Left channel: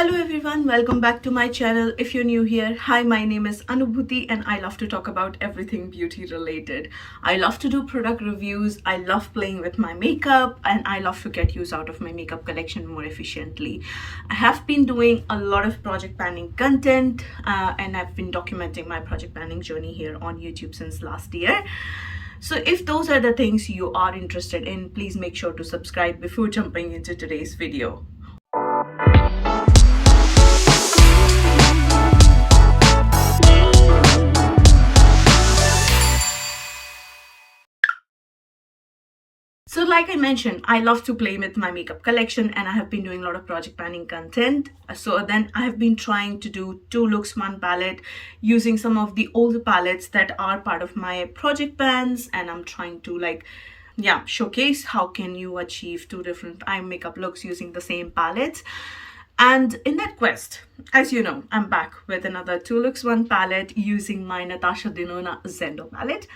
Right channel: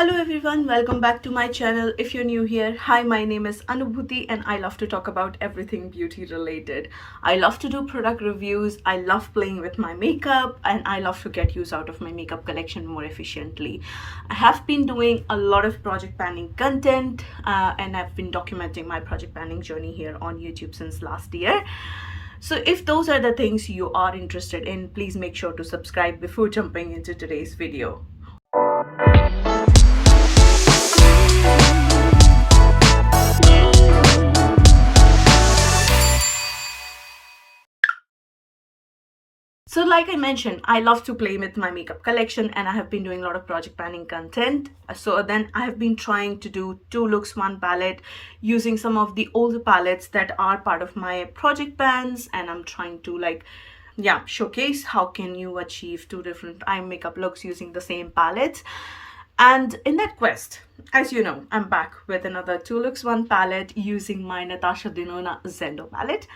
Hello everyone, welcome back to my channel. If you're new here, hi, my name is Anubhuti and I love to talk about everything beauty related. I love to do product reviews, I love playing with my makeup, and I love to get use out of my makeup collection more efficiently. I have been doing a lot of project planning content and I've been documenting my project planning journey here on YouTube since last year. So if those are the things you are interested in, please make sure to subscribe before jumping into today's video. So like I mentioned, I love to play with my makeup collection and I have been doing a lot of project planning content. So then I have been trying to do 2 looks 1 palette using some of the older palettes that are part of my project plans, and I'm trying to showcase how can you achieve 2 different eye makeup looks using the same palette. And in that quest, as you know, I'm back with another 2 looks 1 palette using my Natasha Denona Zendo palette,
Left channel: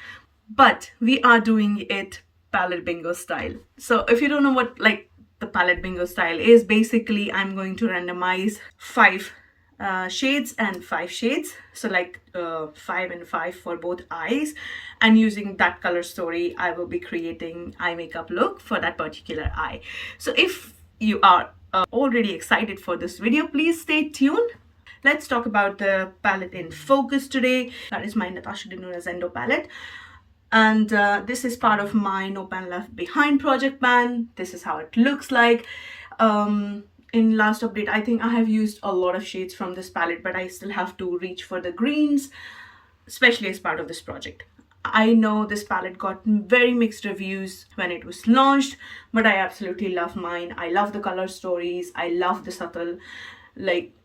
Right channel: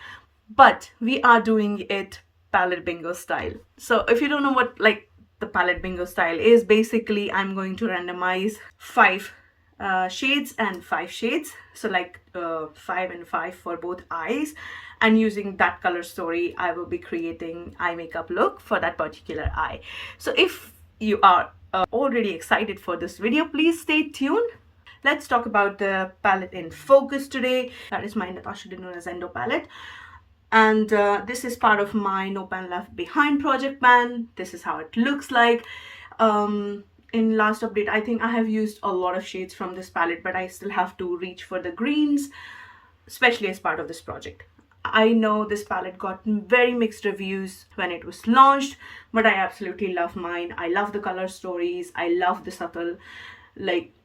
but we are doing it palette bingo style. So if you don't know what the palette bingo style is, basically I'm going to randomize 5 shades and 5 shades, so 5 and 5 for both eyes, and using that color story I will be creating eye makeup look for that particular eye. So if you are already excited for this video, please stay tuned. Let's talk about the palette in focus today. That is my Natasha Denona Zendo palette. And this is part of my No Pan Left Behind project plan. This is how it looks like. In last update, I think I have used a lot of shades from this palette, but I still have to reach for the greens, especially as part of this project. I know this palette got very mixed reviews when it was launched, but I absolutely love mine. I love the color stories. I love the subtle,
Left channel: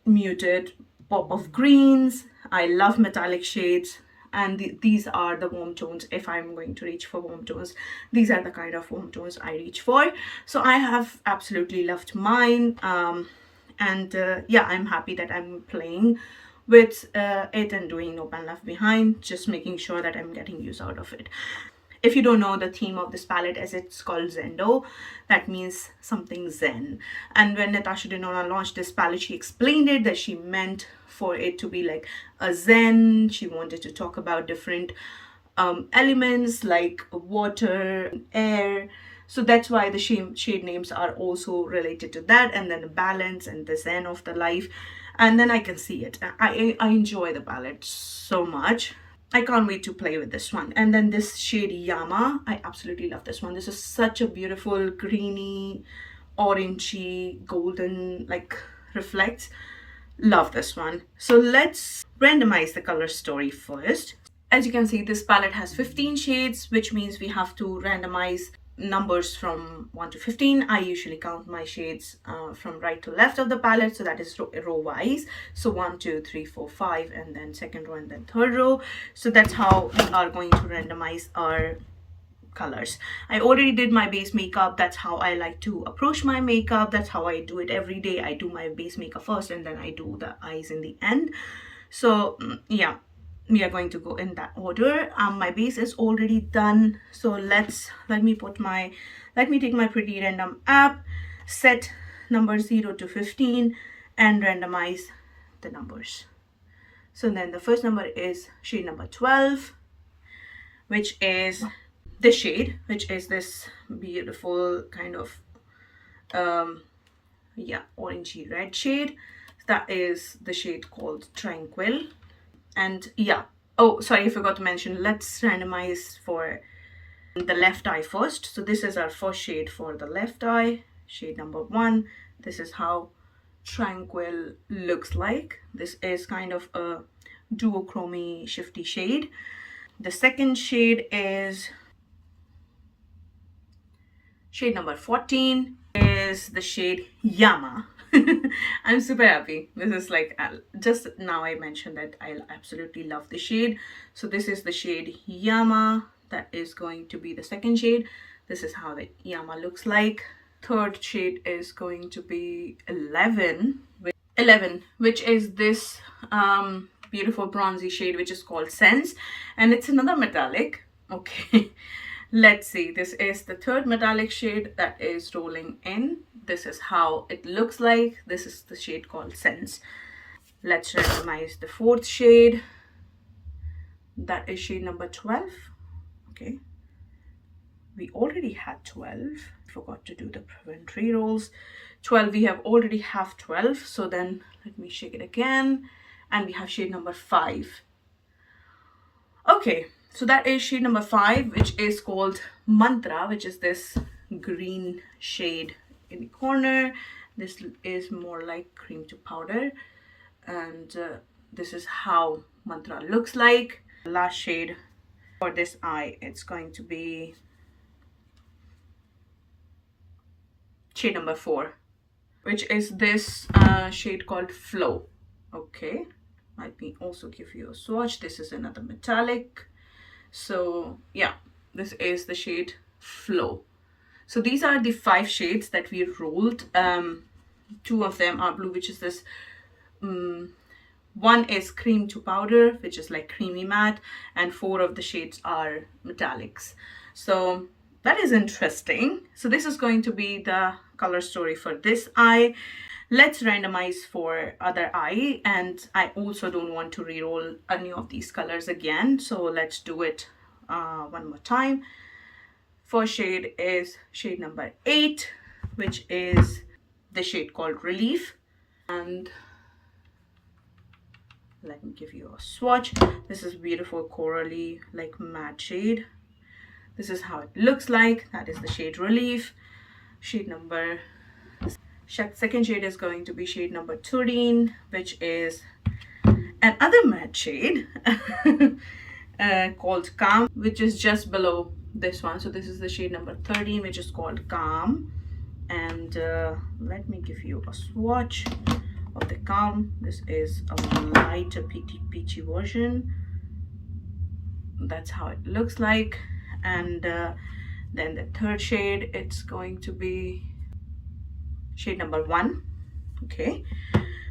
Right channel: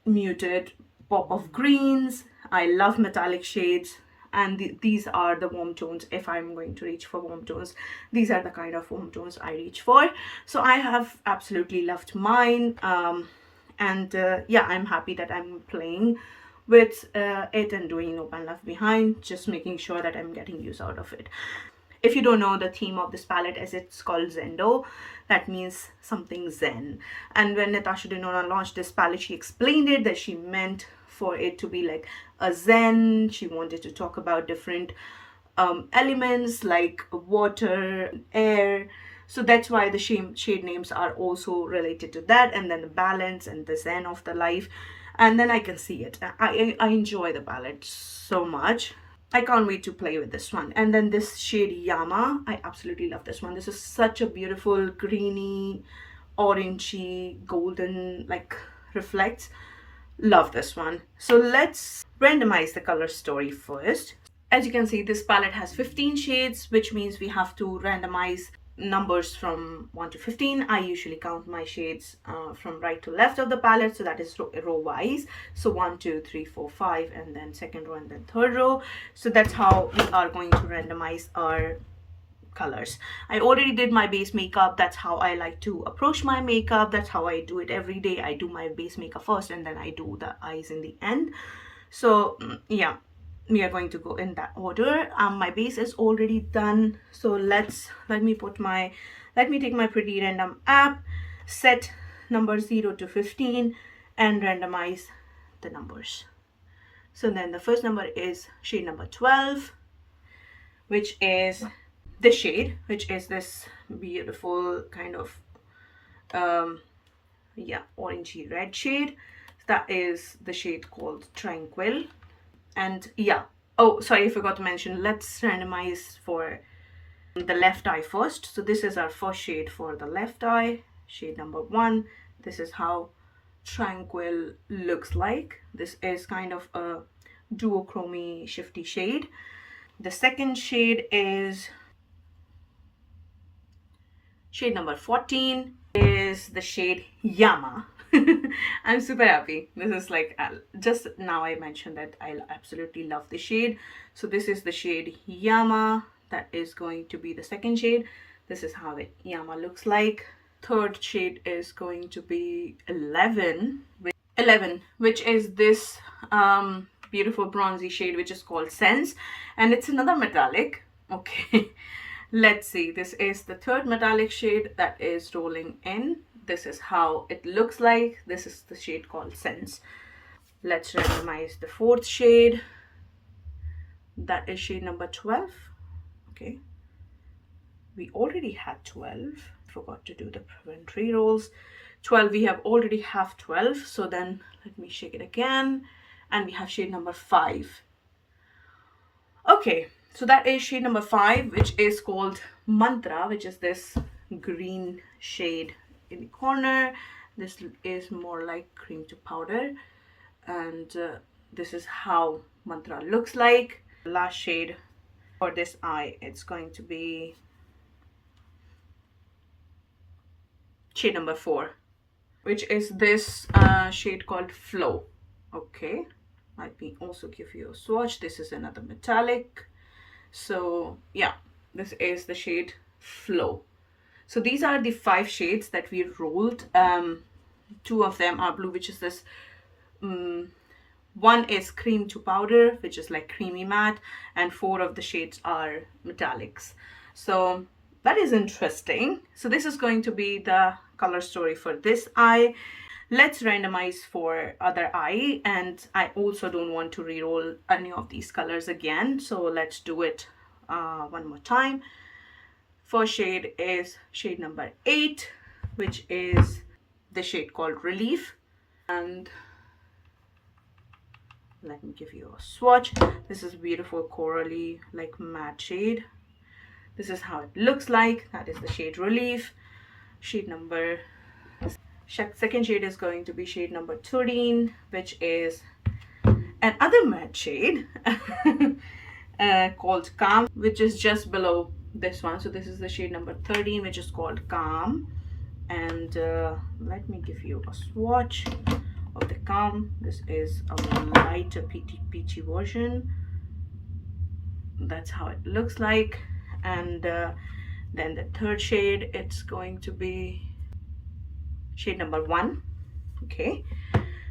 muted pop of greens. I love metallic shades. And these are the warm tones. If I'm going to reach for warm tones, these are the kind of warm tones I reach for. So I have absolutely loved mine. I'm happy that I'm playing with it and doing No Pan Left Behind, just making sure that I'm getting use out of it. If you don't know the theme of this palette, as it's called Zendo, that means something zen. And when Natasha Denona launched this palette, she explained it that she meant for it to be like a zen. She wanted to talk about different elements like water, air. So that's why the shade names are also related to that, and then the balance and the zen of the life. And then I can see it. I enjoy the palette so much. I can't wait to play with this one. And then this shade Yama, I absolutely love this one. This is such a beautiful greeny, orangey, golden, reflects. Love this one. So let's randomize the color story first. As you can see, this palette has 15 shades, which means we have to randomize numbers from 1 to 15. I usually count my shades from right to left of the palette, so that is row wise. So 1, 2, 3, 4, 5, and then second row and then third row. So that's how we are going to randomize our colors. I already did my base makeup. That's how I like to approach my makeup. That's how I do it every day. I do my base makeup first and then I do the eyes in the end. So yeah, we are going to go in that order. My base is already done, so let me take my Pretty Random app, set number 0 to 15 and randomize the numbers. So then the first number is shade number 12, which is this shade, which is this beautiful kind of orangey red shade. That is the shade called Tranquil. And yeah, oh sorry, I forgot to mention, let's randomize for the left eye first. So this is our first shade for the left eye, shade number 1. This is how Tranquil looks like. This is kind of a duochromy shifty shade. The second shade is shade number 14, is the shade Yama. I'm super happy. This is just now I mentioned that I absolutely love the shade. So this is the shade Yama. That is going to be the second shade. This is how the Yama looks like. Third shade is going to be 11, which is this beautiful bronzy shade, which is called Sense, and it's another metallic. Okay. Let's see, this is the third metallic shade that is rolling in. This is how it looks like. This is the shade called Sense. Let's randomize the fourth shade. That is shade number 12. Okay, we already had 12. Forgot to do the prevent re-rolls. 12, we have already have 12. So then let me shake it again. And we have shade number 5. Okay, so that is shade number 5, which is called Mantra, which is this green shade in the corner. This is more like cream to powder. And this is how Mantra looks like. Last shade for this eye, it's going to be shade number 4, which is this shade called Flow. Okay, let me also give you a swatch. This is another metallic. So yeah, this is the shade Flow. So these are the 5 shades that we rolled. 2 of them are blue, which is this one is cream to powder, which is like creamy matte, and 4 of the shades are metallics. So that is interesting. So this is going to be the color story for this eye. Let's randomize for other eye, and I also don't want to re-roll any of these colors again, so let's do it one more time. First shade is shade number 8, which is the shade called Relief. And let me give you a swatch. This is beautiful corally like matte shade. This is how it looks like. That is the shade Relief. Shade number second shade is going to be shade number 13, which is another matte shade called Calm, which is just below this one. So this is the shade number 13, which is called Calm. And let me give you a swatch of the Calm. This is a lighter peachy version. That's how it looks like. And then the third shade, it's going to be shade number 1, okay,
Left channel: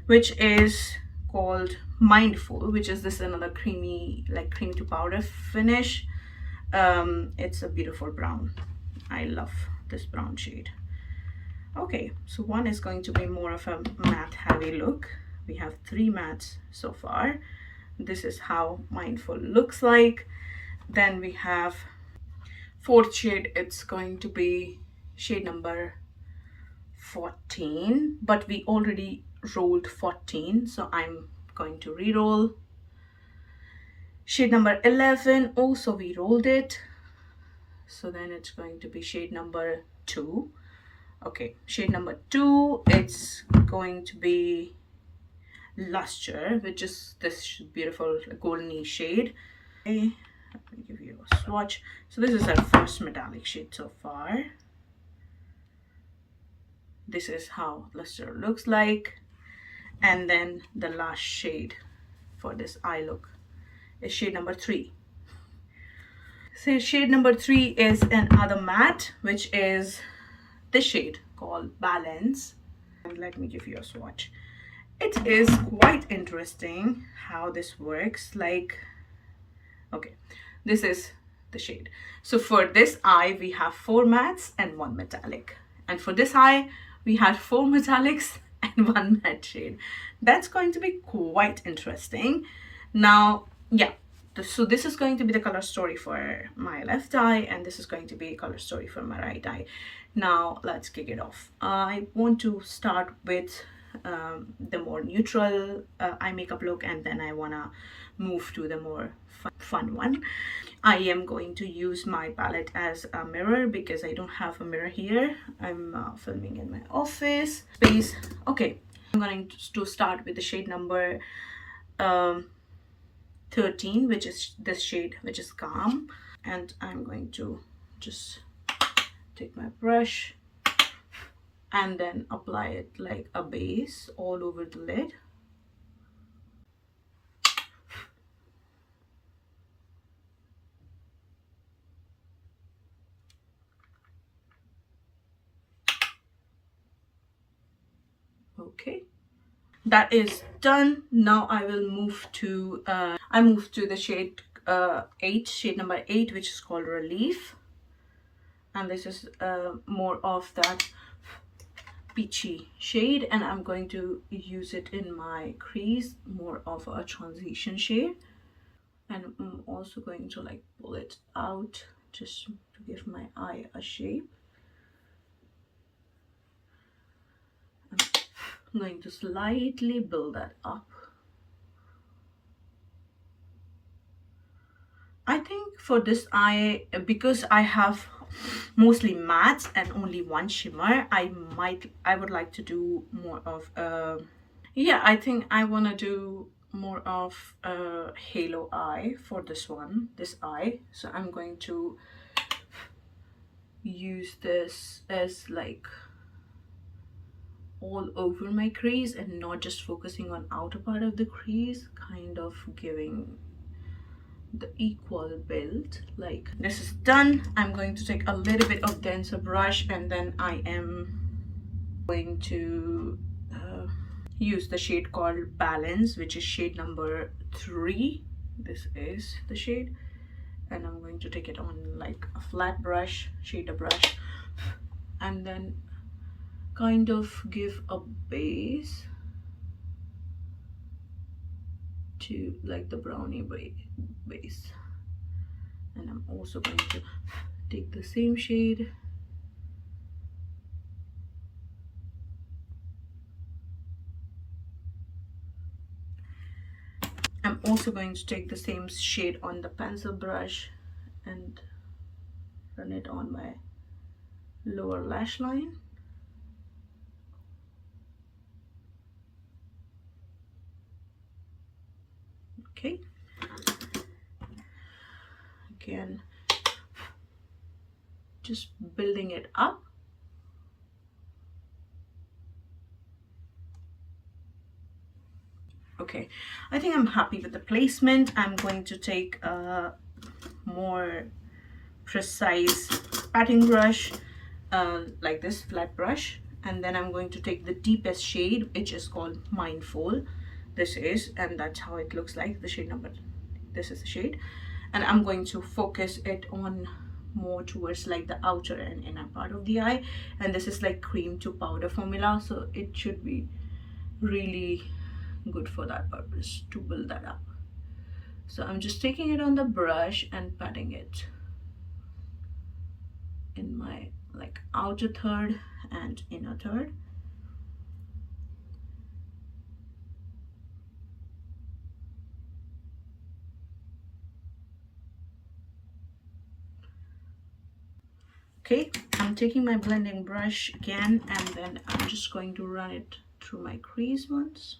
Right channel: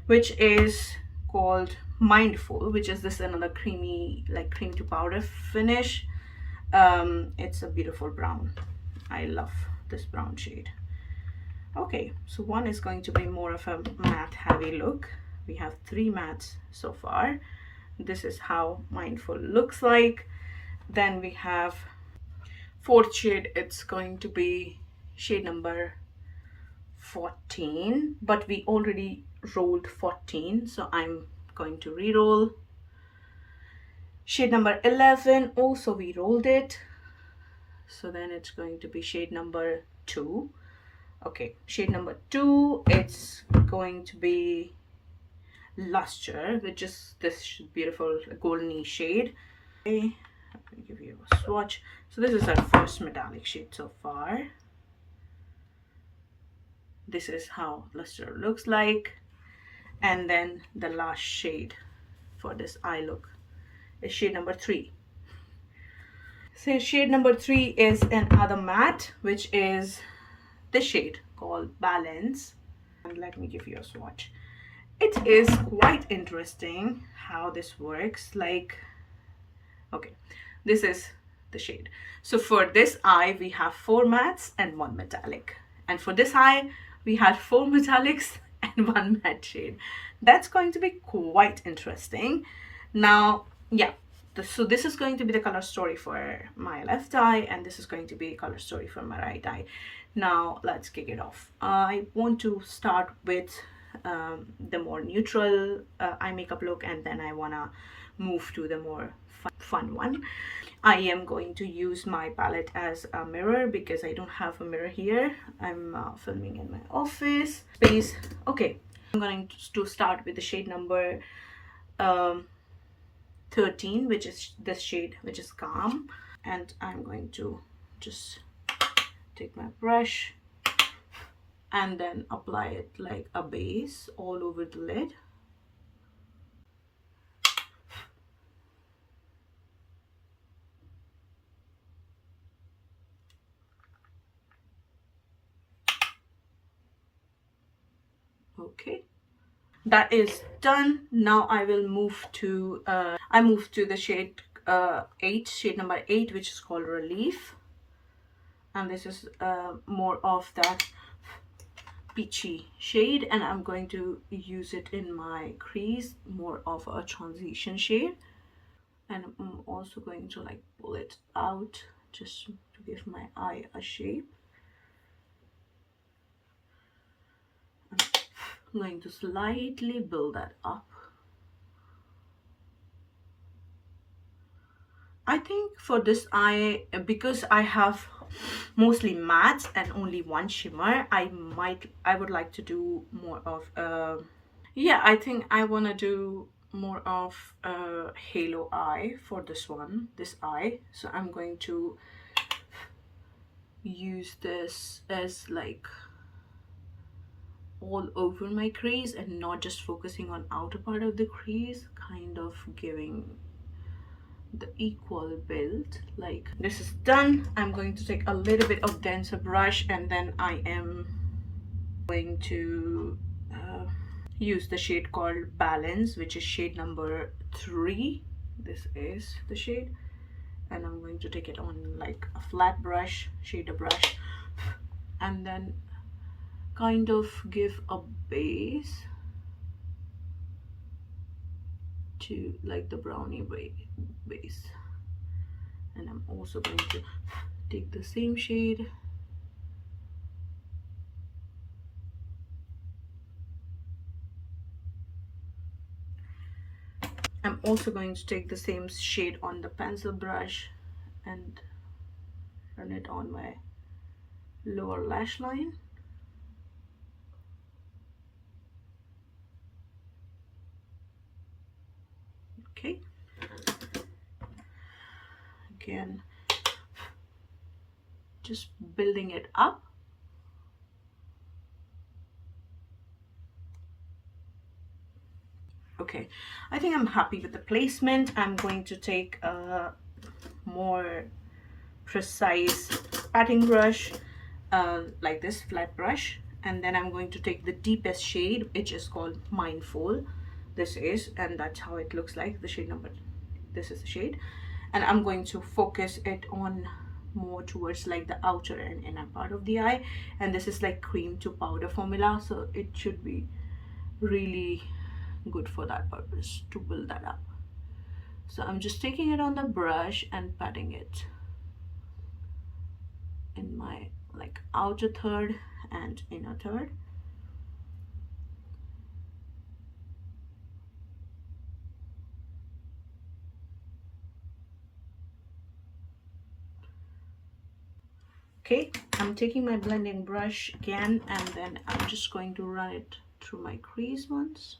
which is called Mindful, which is this another creamy, like cream to powder finish. It's a beautiful brown. I love this brown shade. Okay, so one is going to be more of a matte heavy look. We have 3 mattes so far. This is how Mindful looks like. Then we have fourth shade, it's going to be shade number 14, but we already rolled 14, so I'm going to re-roll. Shade number 11, also we rolled it, so then it's going to be shade number 2. Okay, shade number 2, it's going to be Luster, which is this beautiful goldeny shade. Okay, let me give you a swatch. So this is our first metallic shade so far. This is how Luster looks like. And then the last shade for this eye look is shade number 3. So shade number 3 is another matte, which is this shade called Balance. And let me give you a swatch. It is quite interesting how this works. Like, okay, this is the shade. So for this eye, we have 4 mattes and 1 metallic. And for this eye, we had 4 metallics and 1 matte shade. That's going to be quite interesting. Now, yeah, so this is going to be the color story for my left eye, and this is going to be a color story for my right eye. Now, let's kick it off. I want to start with the more neutral eye makeup look, and then I want to move to the more fun one. I am going to use my palette as a mirror because I don't have a mirror here. I'm filming in my office space. Okay, I'm going to start with the shade number 13, which is this shade, which is Calm. And I'm going to just take my brush and then apply it like a base all over the lid. Okay, that is done. Now I will move to the shade 8, shade number 8, which is called Relief. and this is more of that peachy shade, and I'm going to use it in my crease, more of a transition shade. And I'm also going to like pull it out just to give my eye a shape. I'm going to slightly build that up. I think for this eye, because I have mostly mattes and only one shimmer, I would like to do more of yeah, I think I want to do more of a halo eye for this eye. So I'm going to use this as like all over my crease and not just focusing on outer part of the crease, kind of giving the equal build. Like this is done. I'm going to take a little bit of denser brush, and then I am going to use the shade called Balance, which is shade number 3. This is the shade, and I'm going to take it on like a flat brush, shader brush, and then kind of give a base to like the brownie base. And I'm also going to take the same shade I'm also going to take the same shade on the pencil brush and run it on my lower lash line. Okay, again just building it up. Okay, I think I'm happy with the placement. I'm going to take a more precise patting brush, like this flat brush, and then I'm going to take the deepest shade, which is called Mindful. This is, and that's how it looks like, the shade number, this is the shade, and I'm going to focus it on more towards like the outer and inner part of the eye, and this is like cream to powder formula, so it should be really good for that purpose, to build that up. So I'm just taking it on the brush and patting it in my like outer third and inner third. Okay, I'm taking my blending brush again, and then I'm just going to run it through my crease once.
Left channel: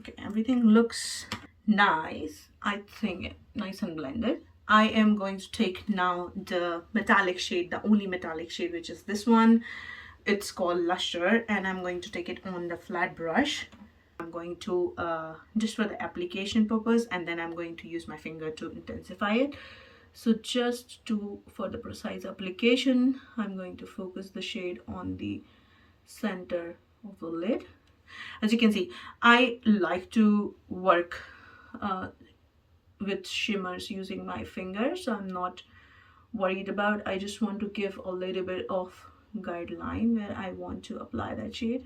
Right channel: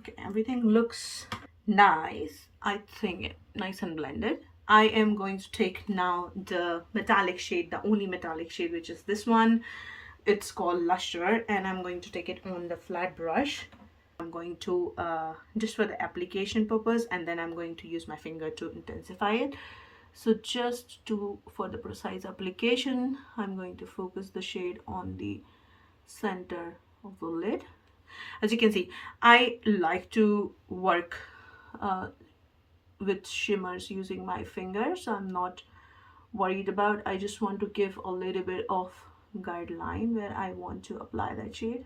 Okay, everything looks nice. I think nice and blended. I am going to take now the metallic shade, the only metallic shade, which is this one. It's called Lusher, and I'm going to take it on the flat brush. I'm going to just for the application purpose, and then I'm going to use my finger to intensify it. So just to for the precise application, I'm going to focus the shade on the center of the lid. As you can see, I like to work with shimmers using my finger, so I'm not worried about. I just want to give a little bit of guideline where I want to apply that shade,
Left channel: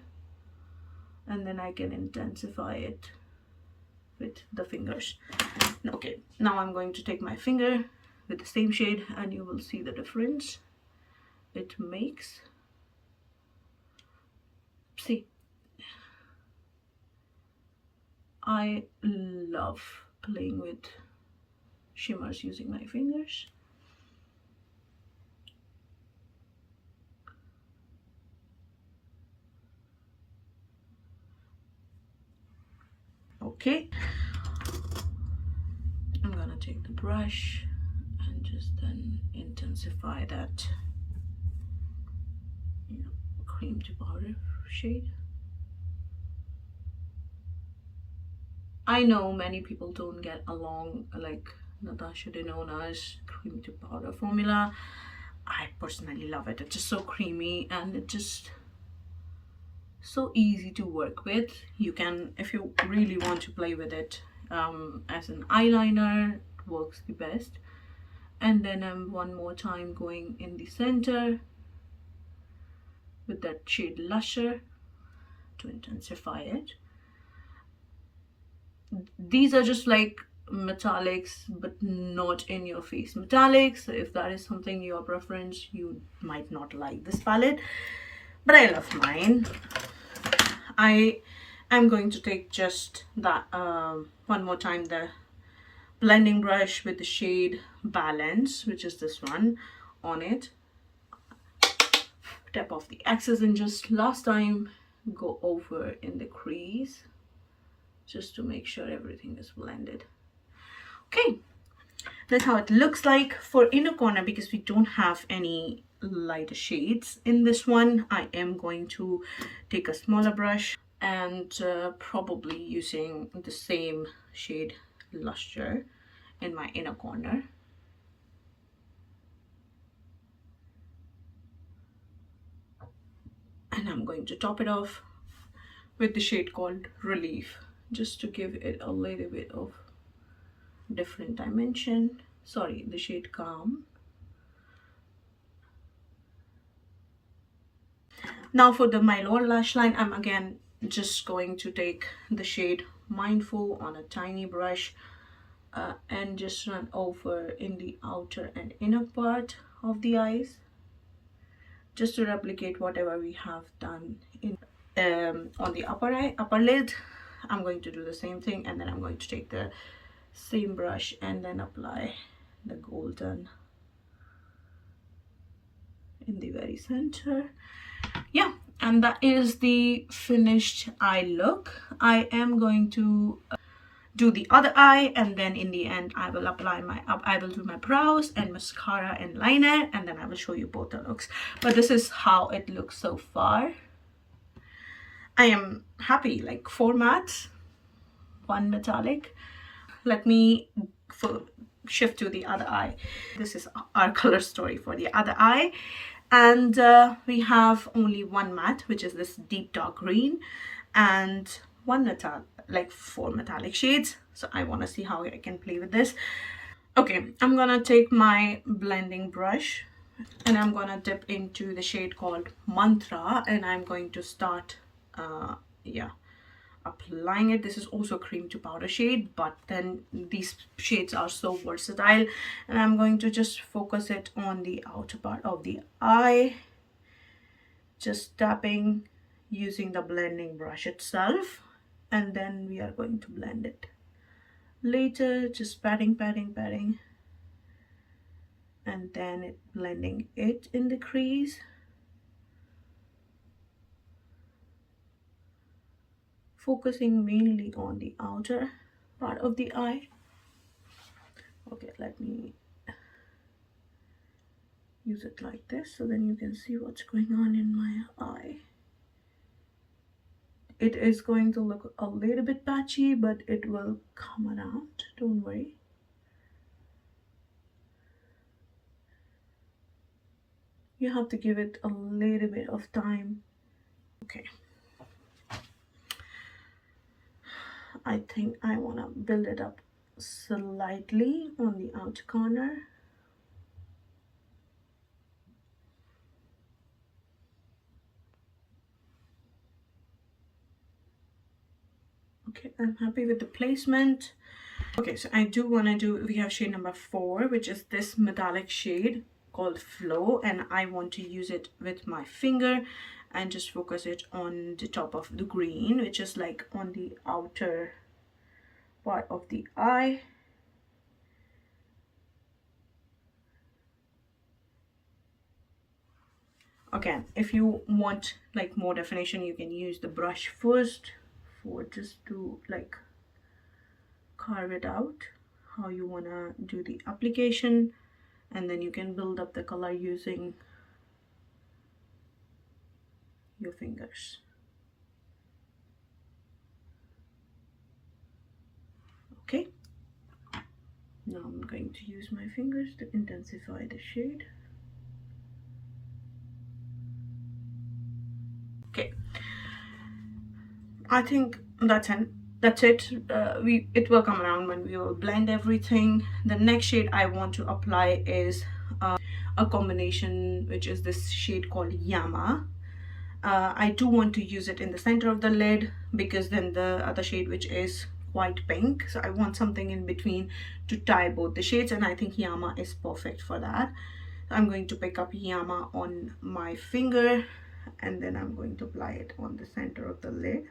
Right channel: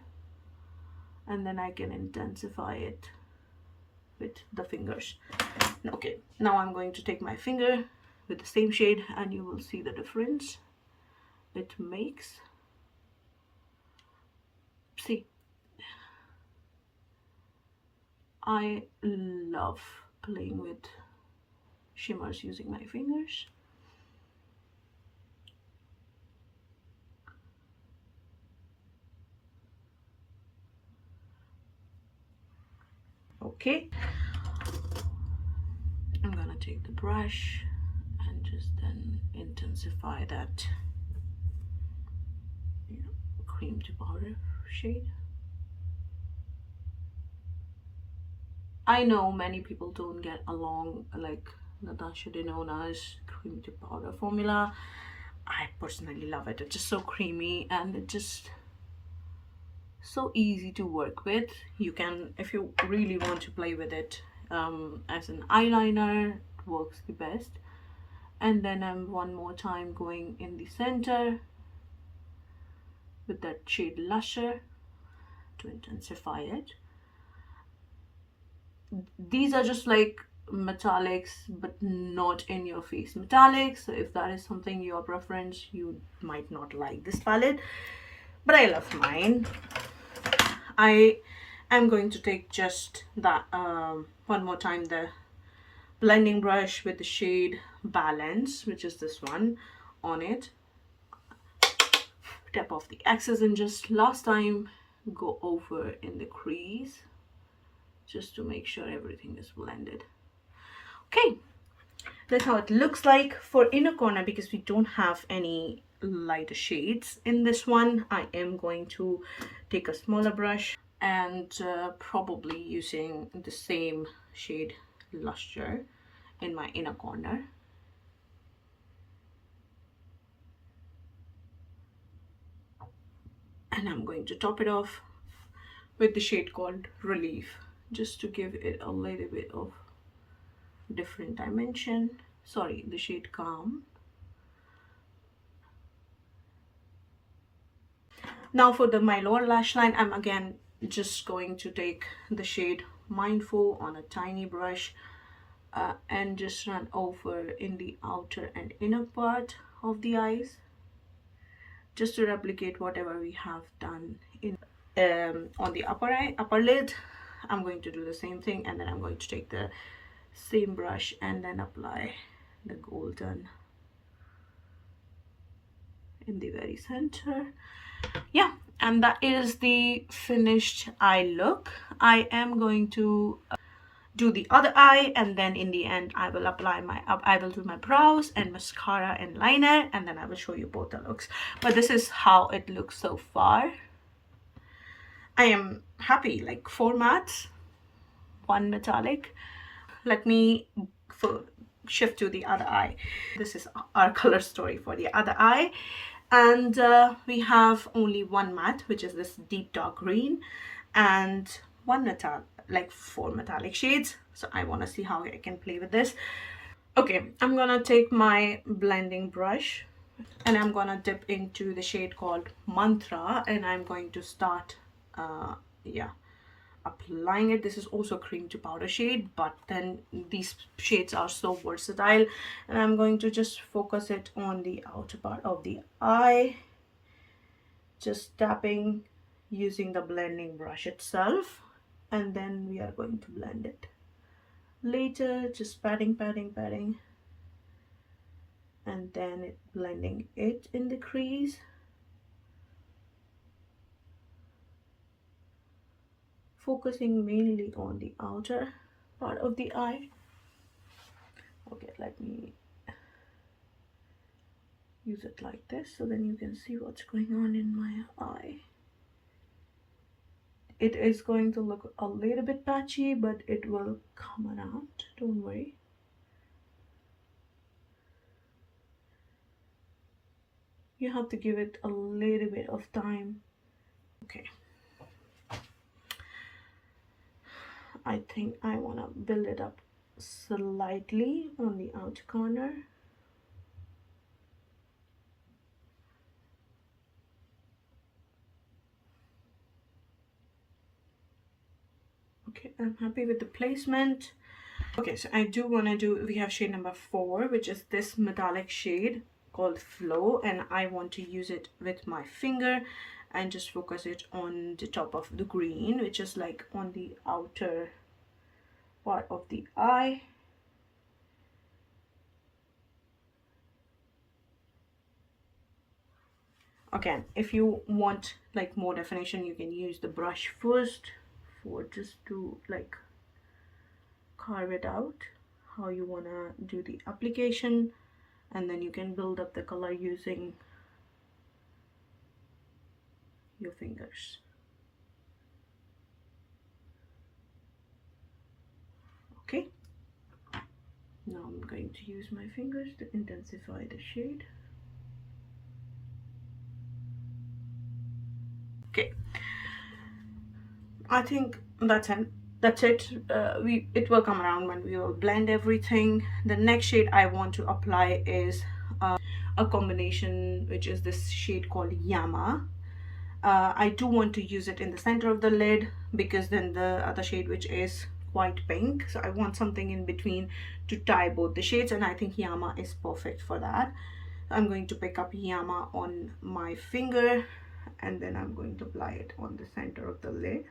and then I can intensify it with the fingers. Okay, now I'm going to take my finger with the same shade, and you will see the difference it makes. See, I love playing with shimmers using my fingers. Okay, I'm gonna take the brush and just then intensify that, you know, cream to powder shade. I know many people don't get along like Natasha Denona's cream to powder formula. I personally love it. It's just so creamy, and it just so easy to work with. You can, if you really want to play with it as an eyeliner, works the best. And then I'm one more time going in the center with that shade Lusher to intensify it. These are just like metallics, but not in your face metallics. So if that is something your preference, you might not like this palette, but I love mine. I am going to take just that one more time, the blending brush with the shade Balance, which is this one, on it. Tap off the excess and just last time go over in the crease just to make sure everything is blended. Okay, that's how it looks like for inner corner. Because we don't have any lighter shades in this one, I am going to take a smaller brush and probably using the same shade Lusher in my inner corner. And I'm going to top it off with the shade called Relief, just to give it a little bit of different dimension. Sorry, the shade Calm. Now for my lower lash line, I'm again just going to take the shade Mindful on a tiny brush and just run over in the outer and inner part of the eyes, just to replicate whatever we have done in on the upper lid. I'm going to do the same thing, and then I'm going to take the same brush and then apply the golden in the very center. Yeah, and that is the finished eye look. I am going to do the other eye, and then in the end I will apply my I will do my brows and mascara and liner, and then I will show you both the looks. But this is how it looks so far. I am happy, like 4 mattes, 1 metallic. Let me shift to the other eye. This is our color story for the other eye, and we have only 1 matte, which is this deep dark green, and 1 metallic, like 4 metallic shades. So I want to see how I can play with this. Okay, I'm gonna take my blending brush and I'm gonna dip into the shade called Mantra, and I'm going to start yeah, applying it. This is also cream to powder shade, but then these shades are so versatile, and I'm going to just focus it on the outer part of the eye, just tapping using the blending brush itself, and then we are going to blend it later, just patting, and then blending it in the crease. Focusing mainly on the outer part of the eye. Okay, let me use it like this so then you can see what's going on in my eye. It is going to look a little bit patchy, but it will come around, don't worry. You have to give it a little bit of time. Okay, I think I want to build it up slightly on the outer corner. Okay, I'm happy with the placement. Okay, so I do want to do, we have shade number 4, which is this metallic shade called Flow, and I want to use it with my finger and just focus it on the top of the green, which is like on the outer part of the eye. Again, if you want like more definition, you can use the brush first for just to like carve it out how you want to do the application, and then you can build up the color using your fingers. Okay, now I'm going to use my fingers to intensify the shade. Okay, I think that's That's it. It will come around when we will blend everything. The next shade I want to apply is a combination, which is this shade called Yama. I do want to use it in the center of the lid, because then the other shade, which is quite pink, so I want something in between to tie both the shades, and I think Yama is perfect for that. I'm going to pick up Yama on my finger, and then I'm going to apply it on the center of the lid,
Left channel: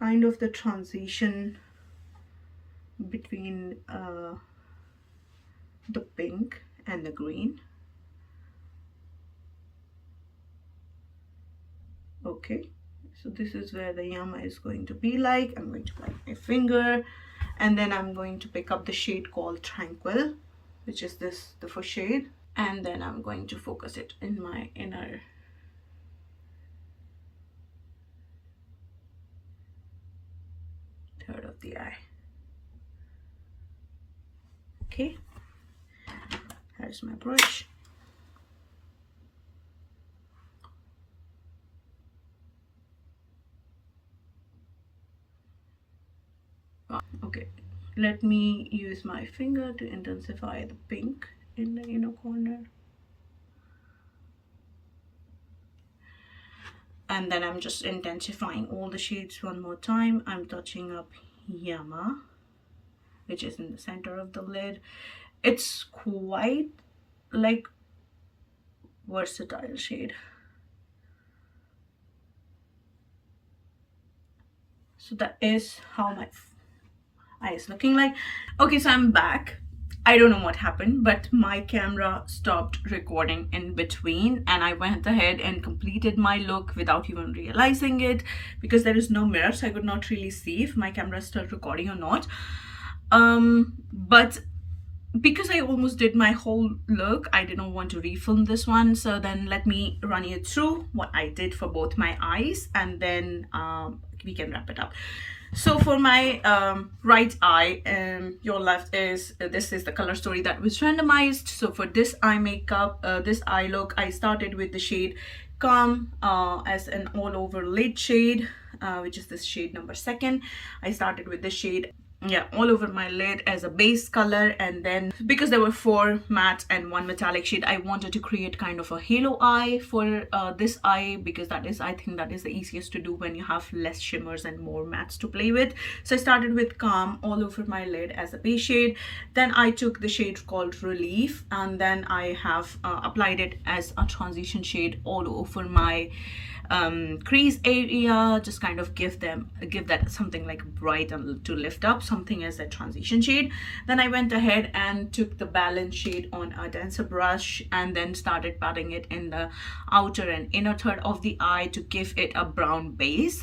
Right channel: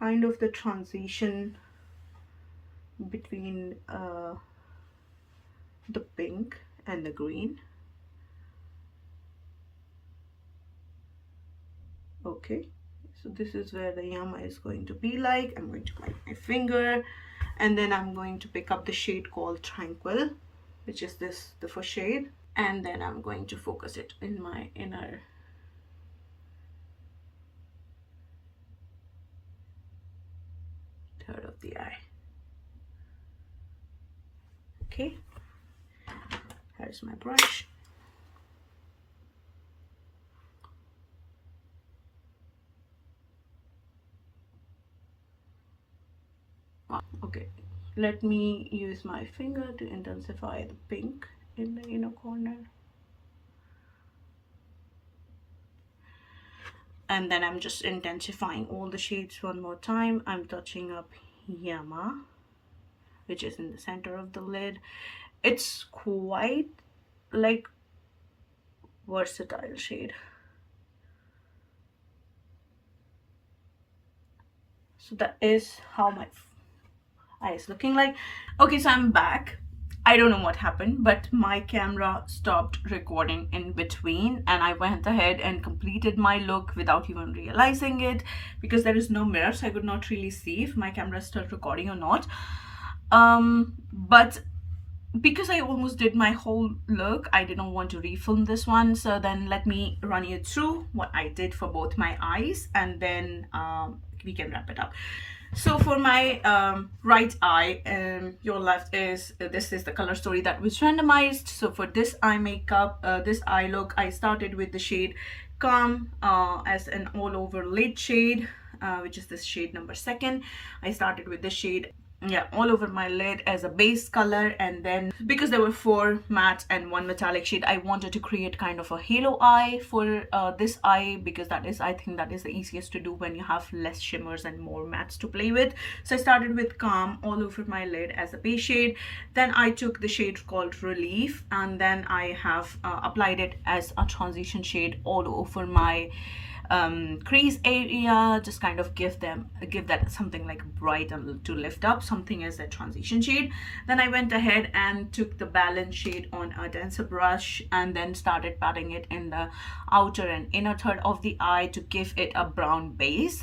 kind of the transition between the pink and the green. Okay, so this is where the Yama is going to be like. I'm going to apply my finger, and then I'm going to pick up the shade called Tranquil, which is this, the first shade, and then I'm going to focus it in my inner third of the eye. Okay, here's my brush. Okay, let me use my finger to intensify the pink in the inner corner. And then I'm just intensifying all the shades one more time. I'm touching up Yama, which is in the center of the lid. It's quite like versatile shade. So that is how my eye is looking like. Okay, so I'm back. I don't know what happened, but my camera stopped recording in between, and I went ahead and completed my look without even realizing it, because there is no mirror, so I could not really see if my camera is still recording or not. But because I almost did my whole look, I didn't want to refilm this one. So then let me run you through what I did for both my eyes, and then we can wrap it up. So for my right eye, your left is, this is the color story that was randomized. So for this eye makeup, this eye look, I started with the shade Calm as an all over lid shade, which is this shade number 2. I started with the shade, yeah, all over my lid as a base color, and then because there were 4 matte and 1 metallic shade, I wanted to create kind of a halo eye for this eye, because that is, I think that is the easiest to do when you have less shimmers and more mattes to play with. So I started with Calm all over my lid as a base shade. Then I took the shade called Relief, and then I have applied it as a transition shade all over my crease area, just kind of give that something like bright and to lift up, something as a transition shade. Then I went ahead and took the balance shade on a denser brush, and then started patting it in the outer and inner third of the eye to give it a brown base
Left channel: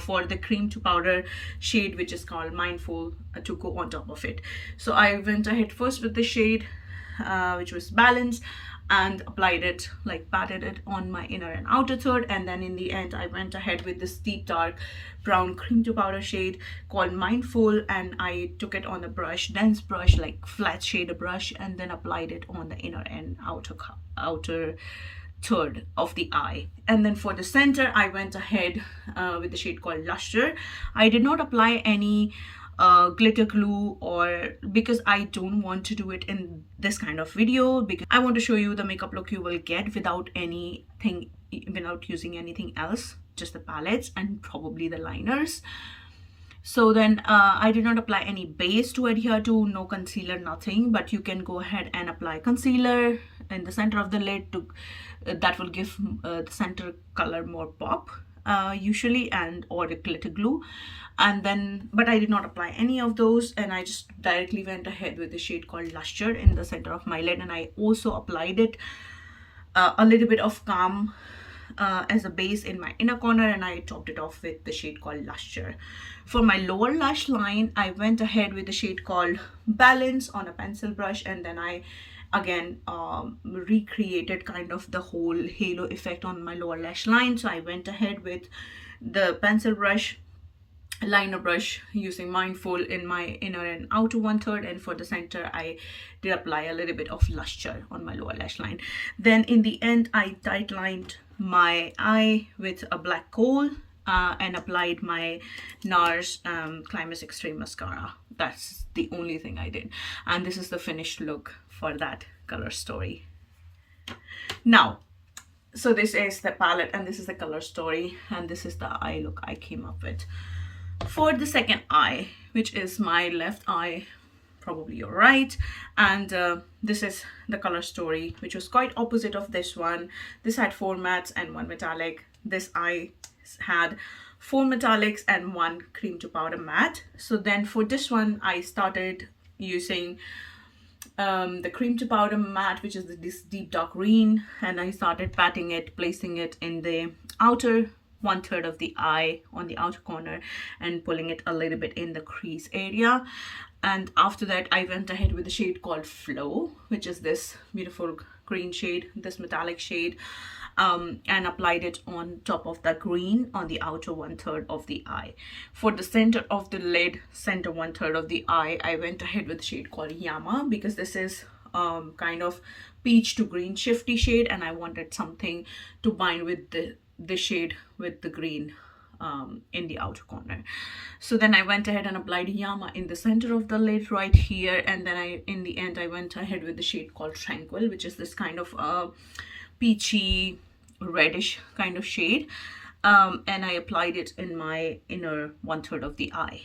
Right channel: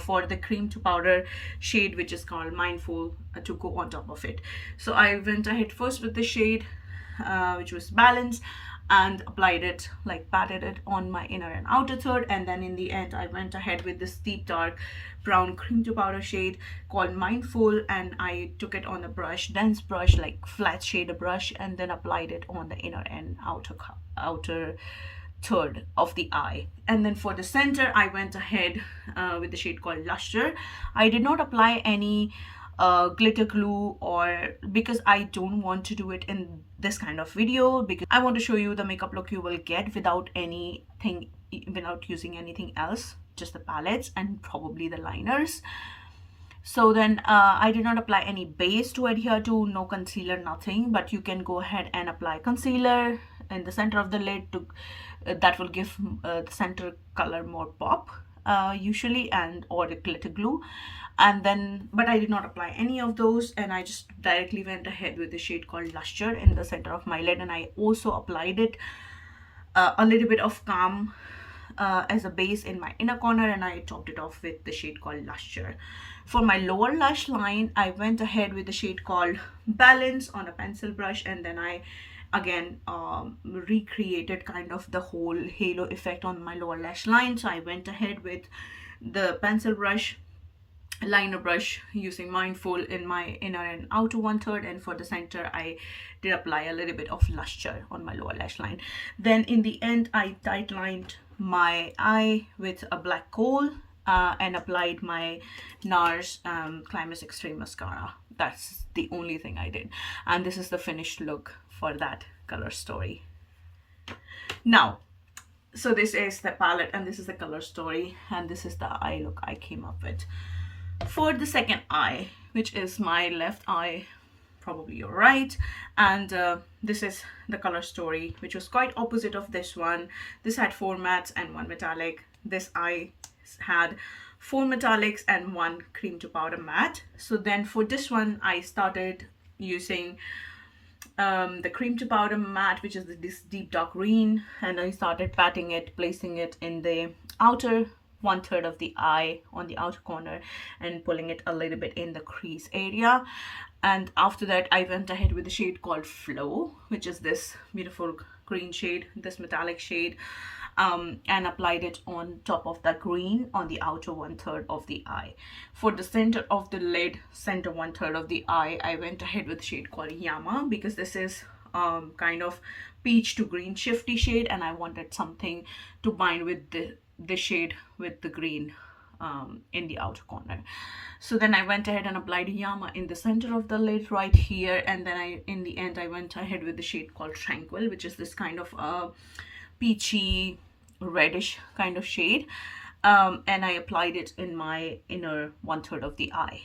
for the cream to powder shade, which is called Mindful, to go on top of it. So I went ahead first with the shade which was Balance, and applied it, like patted it on my inner and outer third, and then in the end I went ahead with this deep dark brown cream to powder shade called Mindful, and I took it on a brush, dense brush, like flat shader brush, and then applied it on the inner and outer third of the eye. And then for the center I went ahead with the shade called Luster. I did not apply any glitter glue, or because I don't want to do it in this kind of video, because I want to show you the makeup look you will get without anything, without using anything else, just the palettes and probably the liners. So then I did not apply any base to adhere to, no concealer, nothing, but you can go ahead and apply concealer in the center of the lid to that will give the center color more pop usually, and or the glitter glue. And then, but I did not apply any of those, and I just directly went ahead with the shade called Luster in the center of my lid, and I also applied it a little bit of Calm as a base in my inner corner, and I topped it off with the shade called Luster. For my lower lash line, I went ahead with the shade called Balance on a pencil brush, and then I again recreated kind of the whole halo effect on my lower lash line. So I went ahead with the pencil brush, liner brush, using Mindful in my inner and outer 1/3, and for the center I did apply a little bit of Luster on my lower lash line. Then in the end I tight lined my eye with a black coal, and applied my NARS Climax Extreme Mascara. That's the only thing I did. And this is the finished look for that color story. Now, so this is the palette and this is the color story, and this is the eye look I came up with. For the second eye, which is my left eye, probably your right, and this is the color story, which was quite opposite of this one. This had 4 mattes and 1 metallic. This eye had 4 metallics and 1 cream to powder matte. So then for this one I started using the cream to powder matte, which is this deep dark green, and I started patting it, placing it in the outer 1/3 of the eye on the outer corner and pulling it a little bit in the crease area. And after that I went ahead with the shade called Flow, which is this beautiful green shade, this metallic shade, and applied it on top of the green on the outer 1/3 of the eye. For the center of the lid, center 1/3 of the eye, I went ahead with the shade called Yama, because this is kind of peach to green shifty shade, and I wanted something to bind with the shade with the green in the outer corner. So then I went ahead and applied Yama in the center of the lid right here, and then in the end I went ahead with the shade called Tranquil, which is this kind of peachy reddish kind of shade, and I applied it in my inner 1/3 of the eye.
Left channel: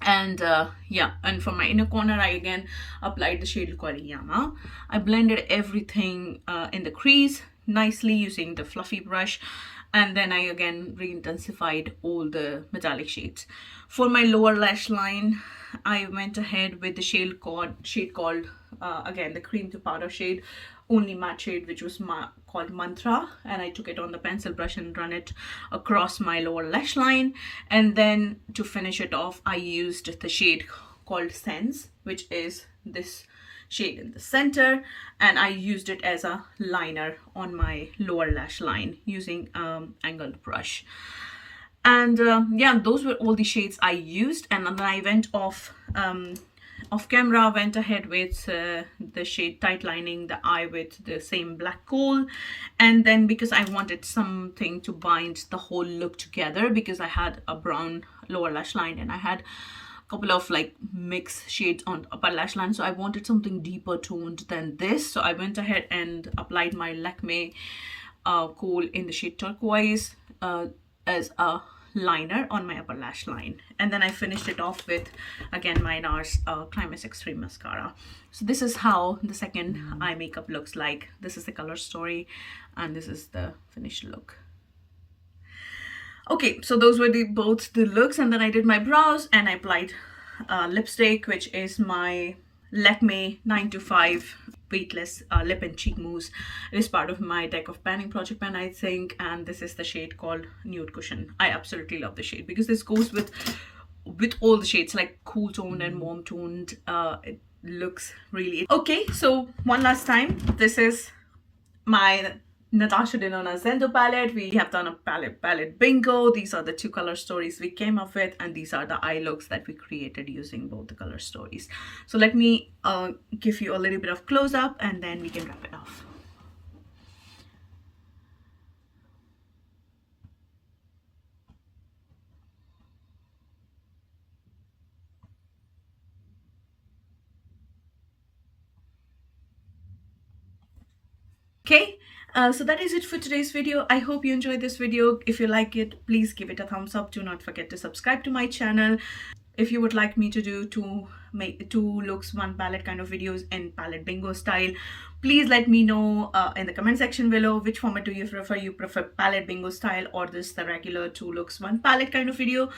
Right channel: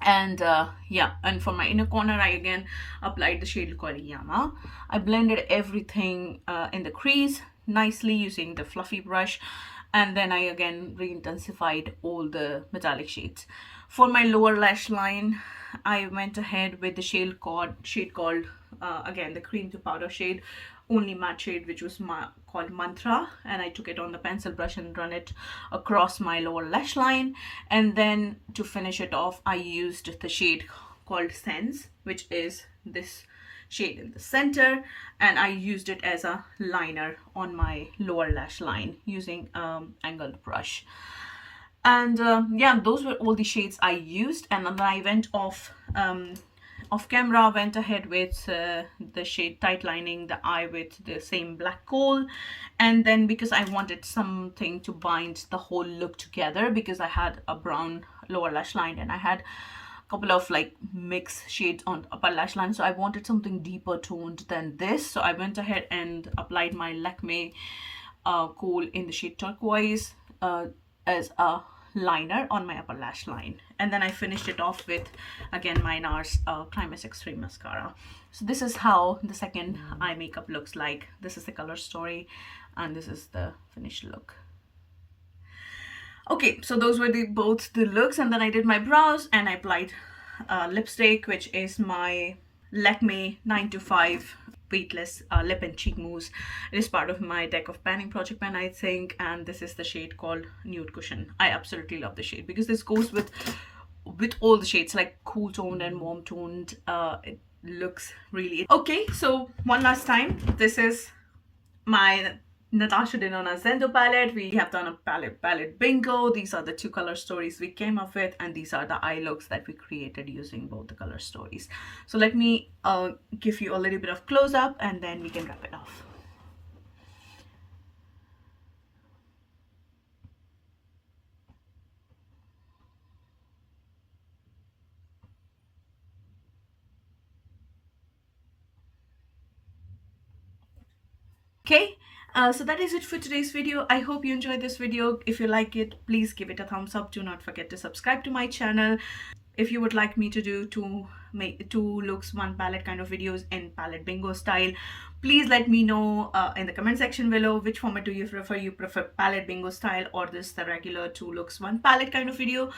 And yeah, and for my inner corner I again applied the shade called Yama. I blended everything in the crease nicely using the fluffy brush, and then I again re-intensified all the metallic shades. For my lower lash line, I went ahead with the shade called again the cream to powder shade, only matte shade, which was called Mantra, and I took it on the pencil brush and run it across my lower lash line. And then to finish it off I used the shade called Sense, which is this shade in the center, and I used it as a liner on my lower lash line using angled brush. And yeah, those were all the shades I used. And then I went off camera, went ahead with the shade Tight Lining the eye with the same black coal. And then because I wanted something to bind the whole look together, because I had a brown lower lash line and I had couple of like mixed shades on upper lash line, so I wanted something deeper toned than this. So I went ahead and applied my Lakme kohl in the shade Turquoise as a liner on my upper lash line, and then I finished it off with again my NARS Climax Extreme Mascara. So this is how the second eye makeup looks like. This is the color story and this is the finished look. Okay, so those were both the looks, and then I did my brows and I applied lipstick, which is my Lakme 925 weightless lip and cheek mousse. It is part of my deck of panning project pen, I think, and this is the shade called Nude Cushion. I absolutely love the shade because this goes with all the shades, like cool toned and warm toned. It looks really okay. So one last time, this is my Natasha Denona Zendo palette. We have done a palette bingo. These are the 2 color stories we came up with, and these are the eye looks that we created using both the color stories. So let me give you a little bit of close up and then we can wrap it off. Okay, so that is it for today's video. I hope you enjoyed this video. If you like it, please give it a thumbs up. Do not forget to subscribe to my channel. If you would like me to do 2 looks 1 palette kind of videos in palette bingo style, please let me know in the comment section below. Which format do you prefer? You prefer palette bingo style or this the regular 2 looks 1 palette kind of video?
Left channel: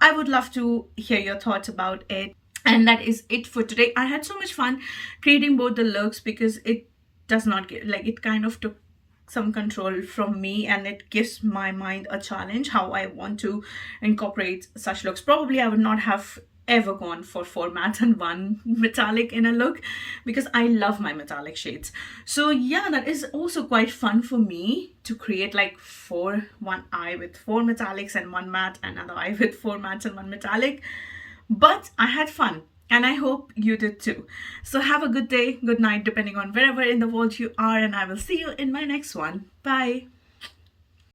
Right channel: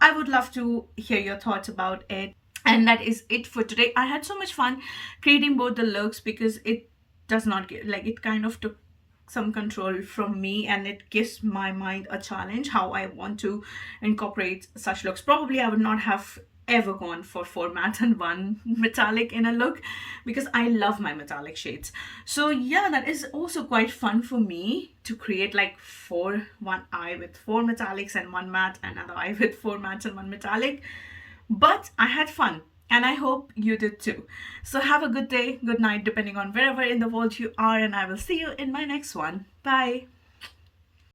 I would love to hear your thoughts about it. And that is it for today. I had so much fun creating both the looks because it does not get like, it kind of took some control from me, and it gives my mind a challenge how I want to incorporate such looks. Probably I would not have ever gone for 4 matte and 1 metallic in a look because I love my metallic shades. So yeah, that is also quite fun for me to create like 1 eye with 4 metallics and 1 matte, another eye with 4 mattes and 1 metallic. But I had fun, and I hope you did too. So have a good day, good night, depending on wherever in the world you are, and I will see you in my next one. Bye.